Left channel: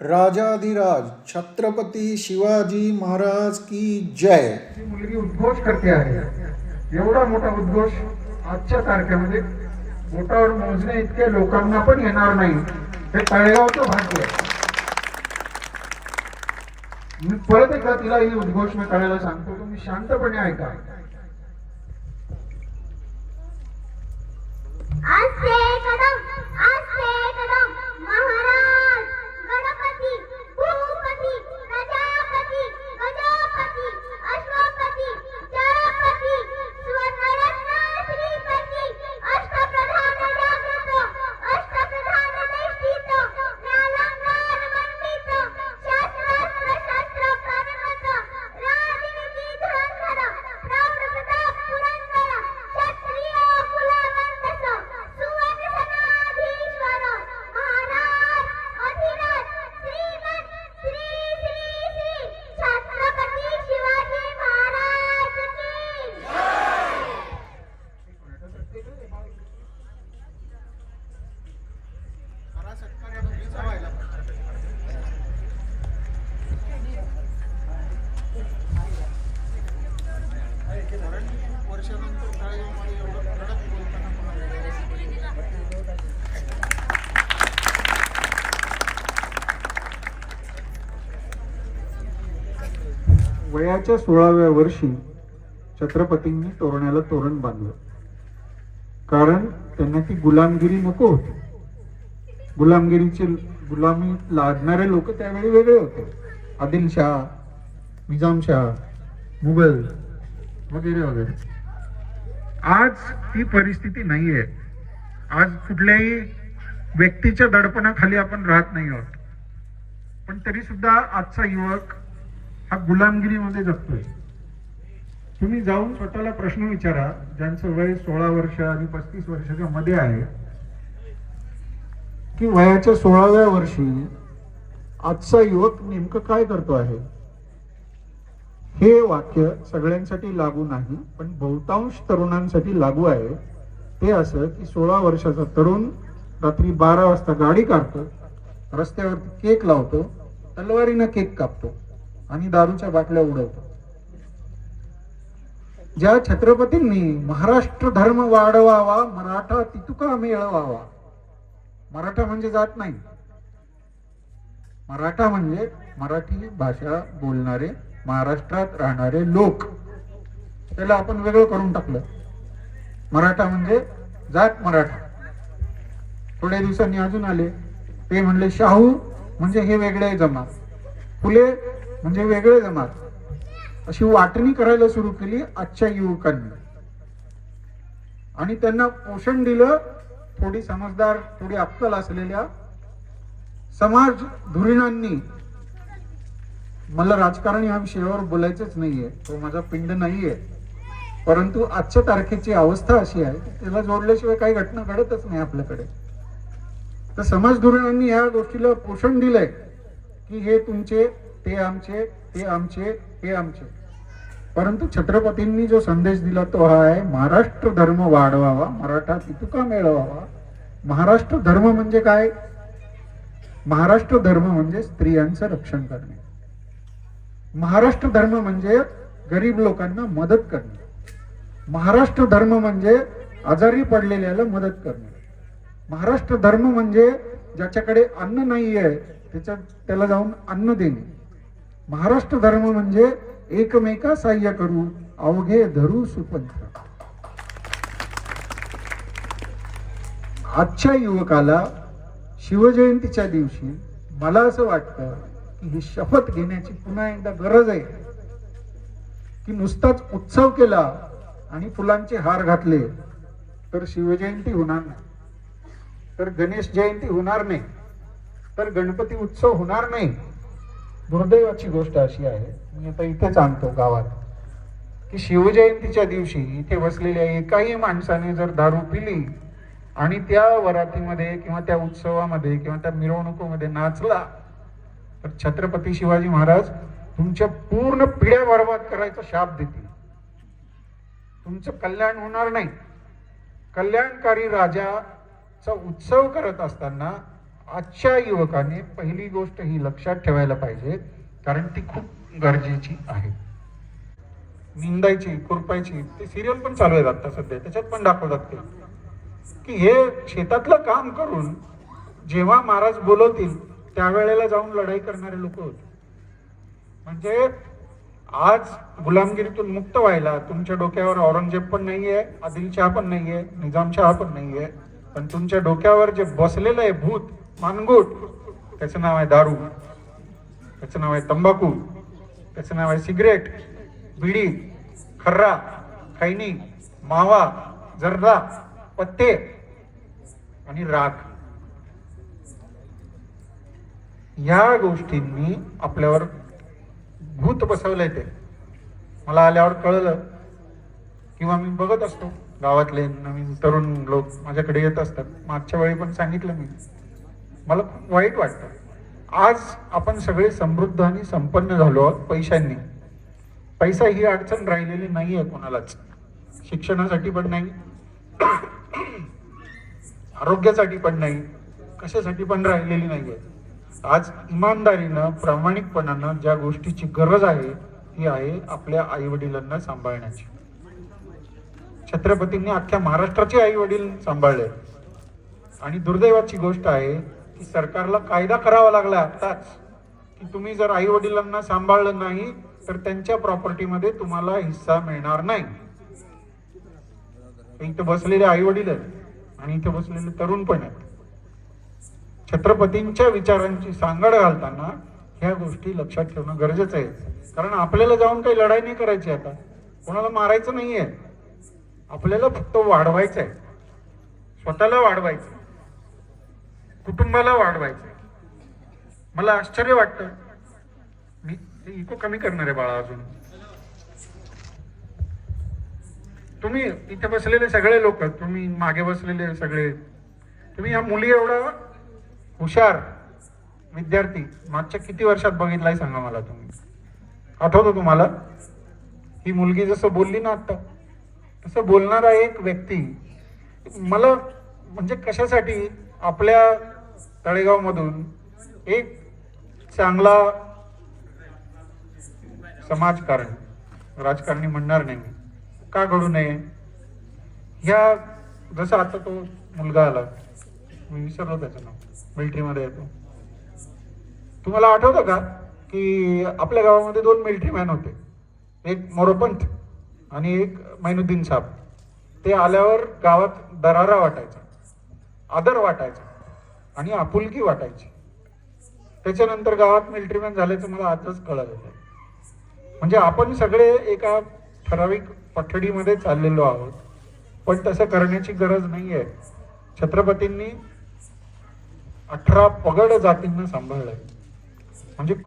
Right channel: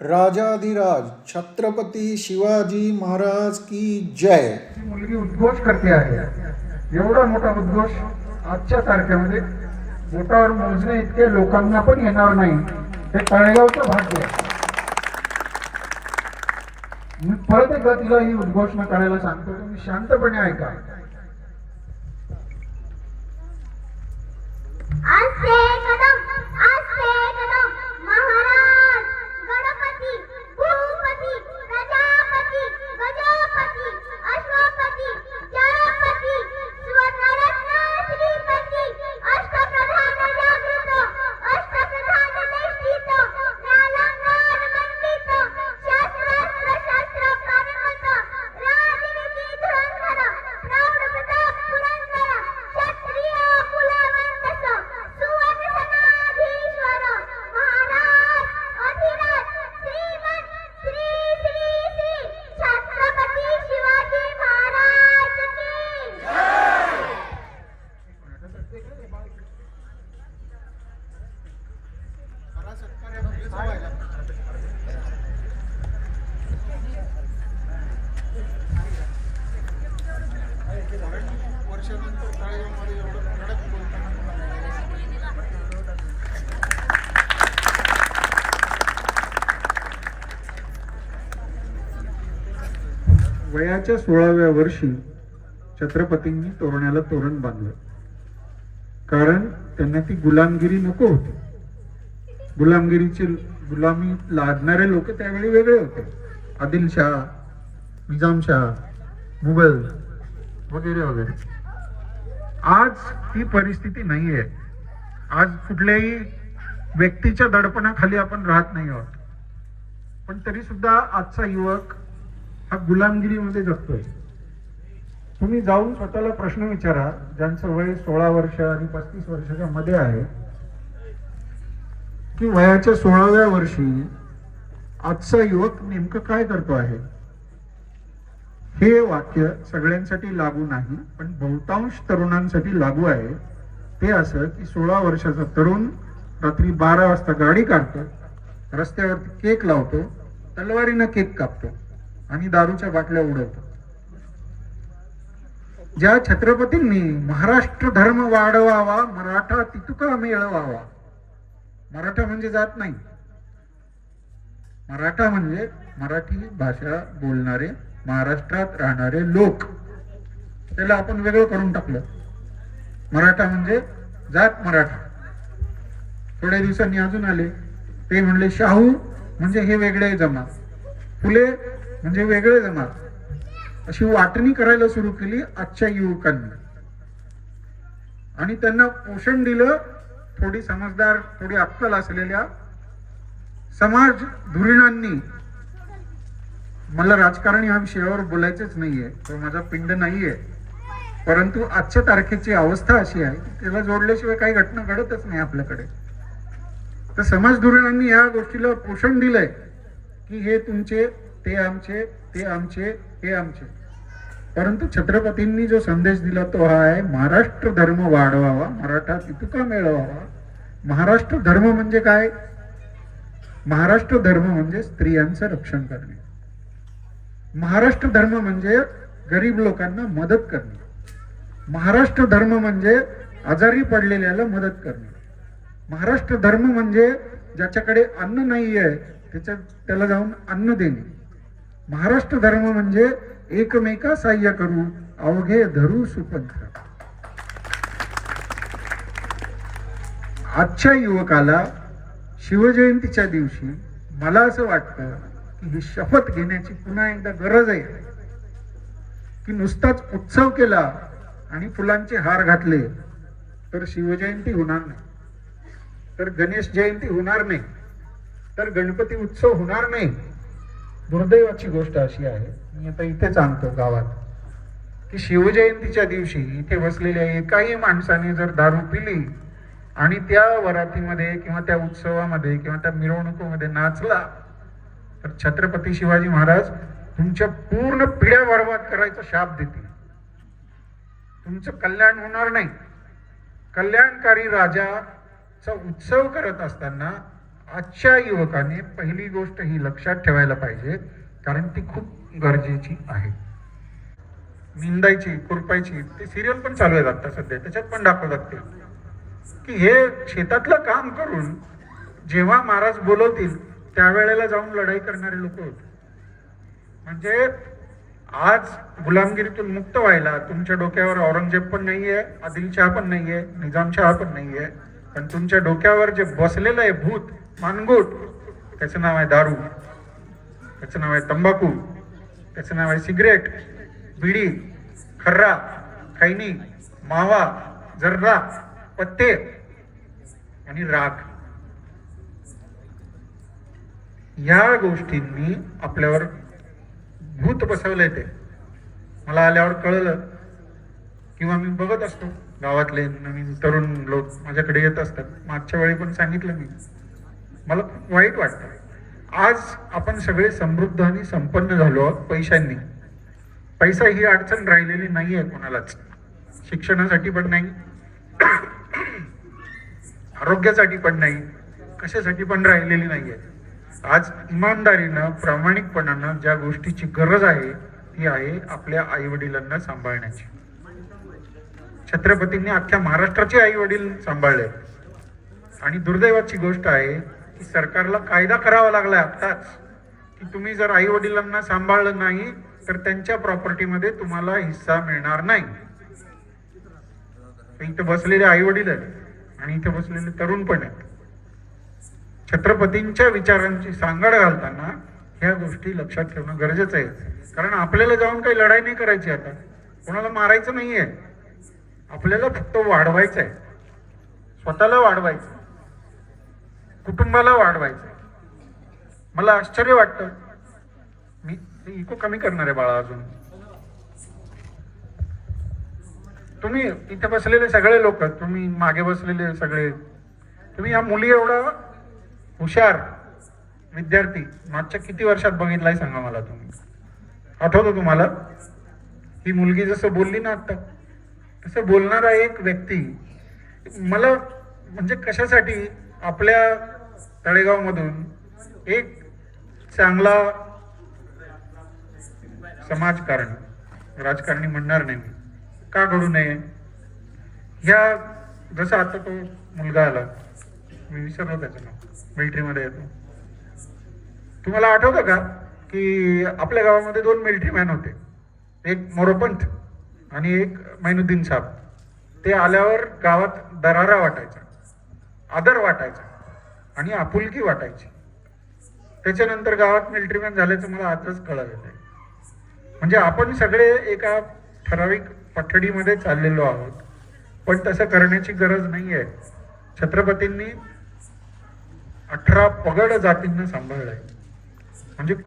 राजाधिराज छत्रपती शिवाजी महाराज की जय. मुलगी उद्घोष करते आहे. एवढा मोठा उद्घोष आजच्या तारखेमध्ये बोटावर मोजणे इतके लोकांना पण येणार नाही. हे तळेगावचं भाग्य मी परत एकदा तिला ही उद्घोषणा करायला सांगतो. तुम्ही शांतपणे ऐका. एवढं बोलताना वयाच्या सोळाव्या वर्षी छत्रपतींनी तोरणाला तोरण बांधलं. कारण त्यांना ती गुलामगिरी नको होती. गुलामगिरीचे गुलामी लादणारे लोक त्यावेळी वेगळे होते. आदिलशाह निजामशाह मुघल वगैरे वगैरे. आज ती परिस्थिती नाहीये. आज कुठल्याही व्यक्तीच्या दडपणाखाली आपण राहत नाही आहोत. पण तरी सुद्धा आजचा युवक हा गुलामगिरीमध्ये जगतोय. तुम्ही जाऊन स्वतःला प्रश्न विचारा ज्यांचं वय सोळा वर्ष आणि पस्तीस वर्षाच्या मध्ये आहे की वयाच्या सोळाव्या वर्षी आजचा युवक नेमकं काय करतो आहे? हे वाक्य सगळ्यांसाठी लागू नाही पण बहुतांश तरुणांसाठी लागू आहे. ते असं की सोळा वर्षाचा तरुण रात्री बारा वाजता गाडी काढतो रस्त्यावरती केक लावतो तलवारीनं केक कापतो आणि दारूच्या बाटल्या उडवतो. ज्या छत्रपतींनी महाराष्ट्र धर्म वाढवावा मराठा तितुका मिळवावा. मराठा म्हणजे जात नाही. मराठा म्हणजे मराठी भाषा बोलणारे महाराष्ट्रात राहणारे लोक त्याला आपण वेगळं करून टाकलं. मराठा म्हणजे जात मराठा. थोड्या दिवसांनी अजून आले. ते म्हणले शाहू म्हणजे हे वेगळे जमात. फुले म्हणजे वेगळे जमात. अशी वाटणी करायला सुरू केली आजच्या युवकांनी. आणि त्यांना पोषण दिलं थोडी समजदार थोडी अक्कल असलेल्या समाज धुरीणांनी. मला राजकारण या विषयावर बोलायचंच नाहीये तो माझा पिंड नाहीये. परंतु आजच्या तारखेची अवस्था अशी आहे की त्याला जोडल्याशिवाय काही घटना घडतच नाही आपल्याकडे. तर समाज धोरणांनी या गोष्टीला पोषण दिलंय की हे तुमचे ते आमचे ते आमचे हे आमचे. परंतु छत्रपतींनी जो संदेश दिला तो हा आहे महाराष्ट्र धर्म वाढवावा मराठा तितुका मिळवावा. महाराष्ट्र धर्म म्हणजे काय? महाराष्ट्र धर्म म्हणजे स्त्रियांचं रक्षण करणे. महाराष्ट्र धर्म म्हणजे गरीब लोकांना मदत करणे. महाराष्ट्र धर्म म्हणजे आजारी पडलेल्याला मदत करणे. महाराष्ट्र धर्म म्हणजे ज्याच्याकडे अन्न नाही आहे त्याच्या त्याला जाऊन अन्न देणे. महाराष्ट्र धर्म म्हणजे एकमेका सहाय्य करू अवघे धरू सुपंथ आजच्या युवकाला शिवजयंतीच्या दिवशी मला असं वाटतं ही शपथ घेण्याची पुन्हा एकदा गरज आहे. की नुसताच उत्सव केला आणि फुलांचे हार घातले तर शिवजयंती होणार नाही. तर गणेश जयंती होणार नाही. तर गणपती उत्सव होणार नाही. दुर्दैवाची गोष्ट अशी आहे मी आता इथेच आणतो गावात की शिवजयंतीच्या दिवशी इथे बसलेल्या एकाही माणसाने जर दारू पिली आणि त्या वरातीमध्ये किंवा त्या उत्सवामध्ये किंवा त्या मिरवणुकीमध्ये नाचला तर छत्रपती शिवाजी महाराज तुमच्या पूर्ण पिढ्या बर्बाद करायचा शाप देतील. तुमचं कल्याण होणार नाही. कल्याणकारी राजाचा उत्सव करत असताना आजच्या युवकाने पहिली गोष्ट ही लक्षात ठेवायला पाहिजे कारण ती खूप गरजेची आहे. निंदायची खुरपायची ते सिरियल पण चालू आहेत आता सध्या त्याच्यात पण दाखवतात ते. की हे शेतातलं काम करून जेव्हा महाराज बोलवतील त्यावेळेला जाऊन लढाई करणारे लोक होते. म्हणजे आज गुलामगिरीतून मुक्त व्हायला तुमच्या डोक्यावर औरंगजेब पण नाहीये आदिलशहा पण नाहीये निजामशहा पण नाहीये पण तुमच्या डोक्यावर जे बसलेलं आहे भूत मानगुट त्याचं नाव आहे दारू त्याचं नाव आहे तंबाखू त्याचं नाव आहे सिगरेट बिडी खर्रा खैनी मावा जर्रा पत्ते आणि राख. या गोष्टींनी आपल्यावर भूत बसवलंय ते. मला आल्यावर कळलं किंवा मी बघत असतो. गावातले नवीन तरुण लोक माझ्याकडे येत असतात. मागच्या वेळी पण सांगितलं मी. मला खूप वाईट वाटतं. आज आपण सगळे समृद्ध आणि संपन्न झालो आहोत पैशांनी. पैसा ही अडचण राहिलेली नाही आहे कोणालाच. शिक्षणासाठी पण नाही. आरोग्यासाठी पण नाही. कशासाठी पण राहिलेली नाही आहे आज इमानदारीनं प्रामाणिकपणानं ज्या गोष्टीची गरज आहे ती आहे आपल्या आई वडिलांना सांभाळण्याची. छत्रपतींनी अख्ख्या महाराष्ट्राचे आई वडील सांभाळले. आणि दुर्दैवाची गोष्ट आहे की सरकारला कायदा करावा लागलाय आत्ताच. की तुम्ही जर आई वडिलांना सांभाळलं नाही तर त्यांच्या प्रॉपर्टीमध्ये तुम्हाला हिस्सा मिळणार नाही. इथं बसलेले आई वडील आहेत आणि इथे बसलेले तरुण पण आहेत. छत्रपतींच्या विचारांची सांगड घालताना ह्या गोष्टी लक्षात ठेवणं गरजेचं आहे. कारण आपल्याला जाऊन काही लढाई नाही करायची आता. कोणाला मारायचं नाही आहे आपल्याला फक्त वाढवायचं आहे स्वतःला वाढवायचं कुटुंबाला वाढवायचं मला आश्चर्य वाटतं. मी इको कमी करणार आहे बाळा अजून. तुम्ही इथे बसलेले सगळे लोक तुम्ही मागे बसलेले सगळे तुम्ही या मुली एवढा हुशार विद्यार्थी मागच्या किती वर्षात बघितलाय सांगा मला तुम्ही. आठवतो तुम्हाला? ही मुलगी जसं बोलली ना आता तसं बोलणारा एक व्यक्ती मला म्हणजे कशासाठी आपल्या तळेगावमधून एक चांगला समाजकारणी राजकारणी म्हणणार नाही मी. का घडू नये? ह्या जसं आता तो मुलगा आला मी विसरलो त्याचं नाव. मिलिटरीमध्ये येतो. तुम्हाला आठवतं का की आपल्या गावामध्ये दोन मिलिटरी मॅन होते. एक मोरोपंत आणि एक मैनुद्दीन साहेब ते आल्यावर गावात दरारा वाटायचा आदर वाटायचा आणि आपुलकी वाटायची. त्याच्यानंतर गावात मिलिटरी मॅन झाल्याचं मला आजच कळलं आहे. म्हणजे आपण सगळे एका ठराविक पठडीमध्ये चाललेलो आहोत पण तसं करण्याची गरज नाही आहे छत्रपतींनी अठरा पगड जातींना सांभाळलंय. म्हणजे